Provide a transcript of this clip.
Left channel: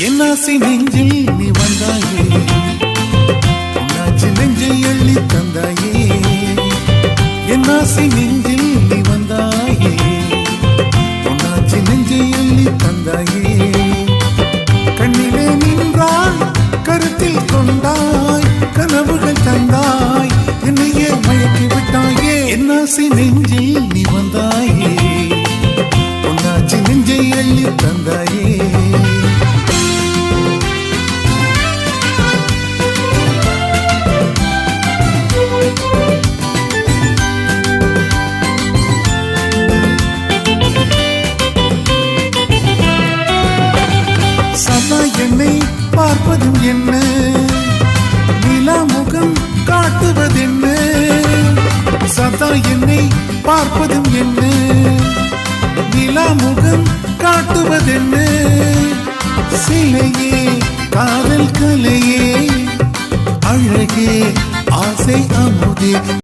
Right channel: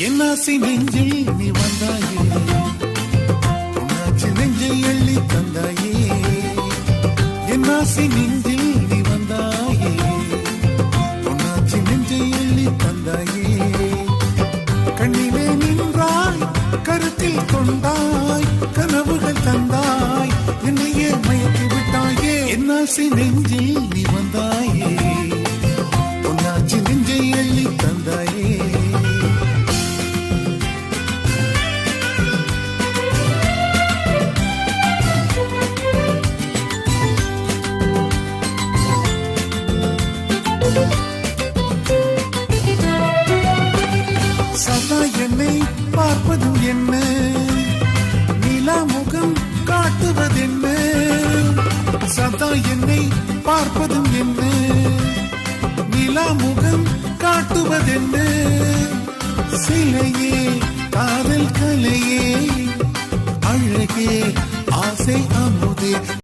என்னாசி நெஞ்சில் நீ வந்தாயே. உன்னாச்சு நெஞ்சை அள்ளி தந்தாயே. என்னாசி நெஞ்சில் நீ வந்தாயே. உன்னாச்சு நெஞ்சை அள்ளி தந்தாயே. கண்ணிலே நின்றாய் கருத்தில் கொண்டாய் கனவுகள் தந்தாய் என்னையே மயக்கி விட்டாயே. என்னாசி நெஞ்சில் நீ வந்தாயே. உன்னாச்சு நெஞ்சை அள்ளி தந்தாயே. சதா என்னை பார்ப்பதும் என்ன? நிலா முகம் காட்டுவதென்ன? சதா என்னை பார்ப்பதும் என்ன? நிலா முகம் காட்டுவதென்ன? சிலையே காதல் கலையே அழகே ஆசை அமுதே.